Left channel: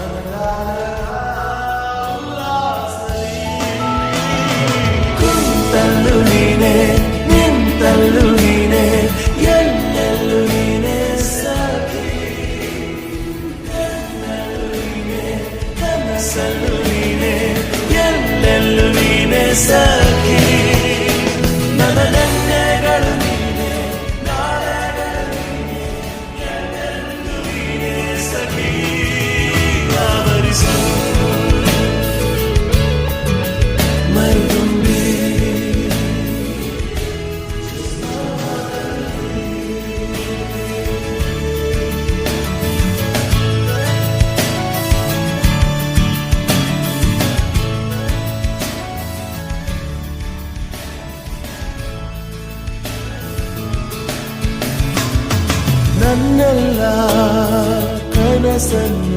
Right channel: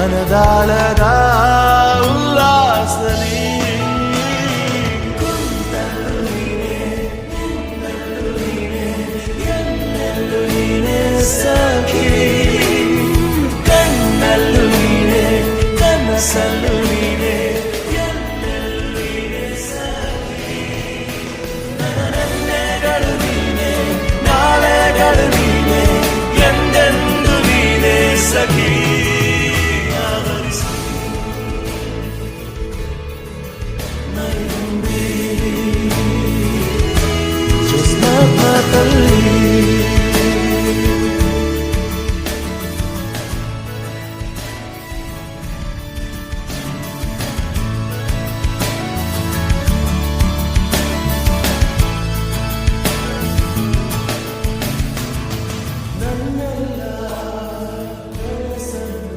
ಮನದಾಳದ ಉಲ್ಲಾಸಲಿ ಕುಂತಲ್ಲು ನೀನೆ ನಿಂತಲ್ಲು ನೀನೆ ಎಲ್ಲೆಲ್ಲೂ ನೀನೆ ಸಖಿ ಕಣ್ಣಲ್ಲೂ ನೀನೆ ಕನಸಲ್ಲೂ ನೀನೆ ಎಲ್ಲೆಲ್ಲೂ ನೀನೆ ಸಖಿ ನನ್ನ ನೆನ್ನೆಗಳು ನೀನೆ ನಾಳೆಗಳು ನೀನೆ ಎಂದೆಂದು ನೀನೆ ಸಖಿ ಆವರಿಸು ಮೈದುಂಬಿ ಮಾತಲ್ಲಿ ನನ್ನೆಲ್ಲ ಕನಸನ್ನು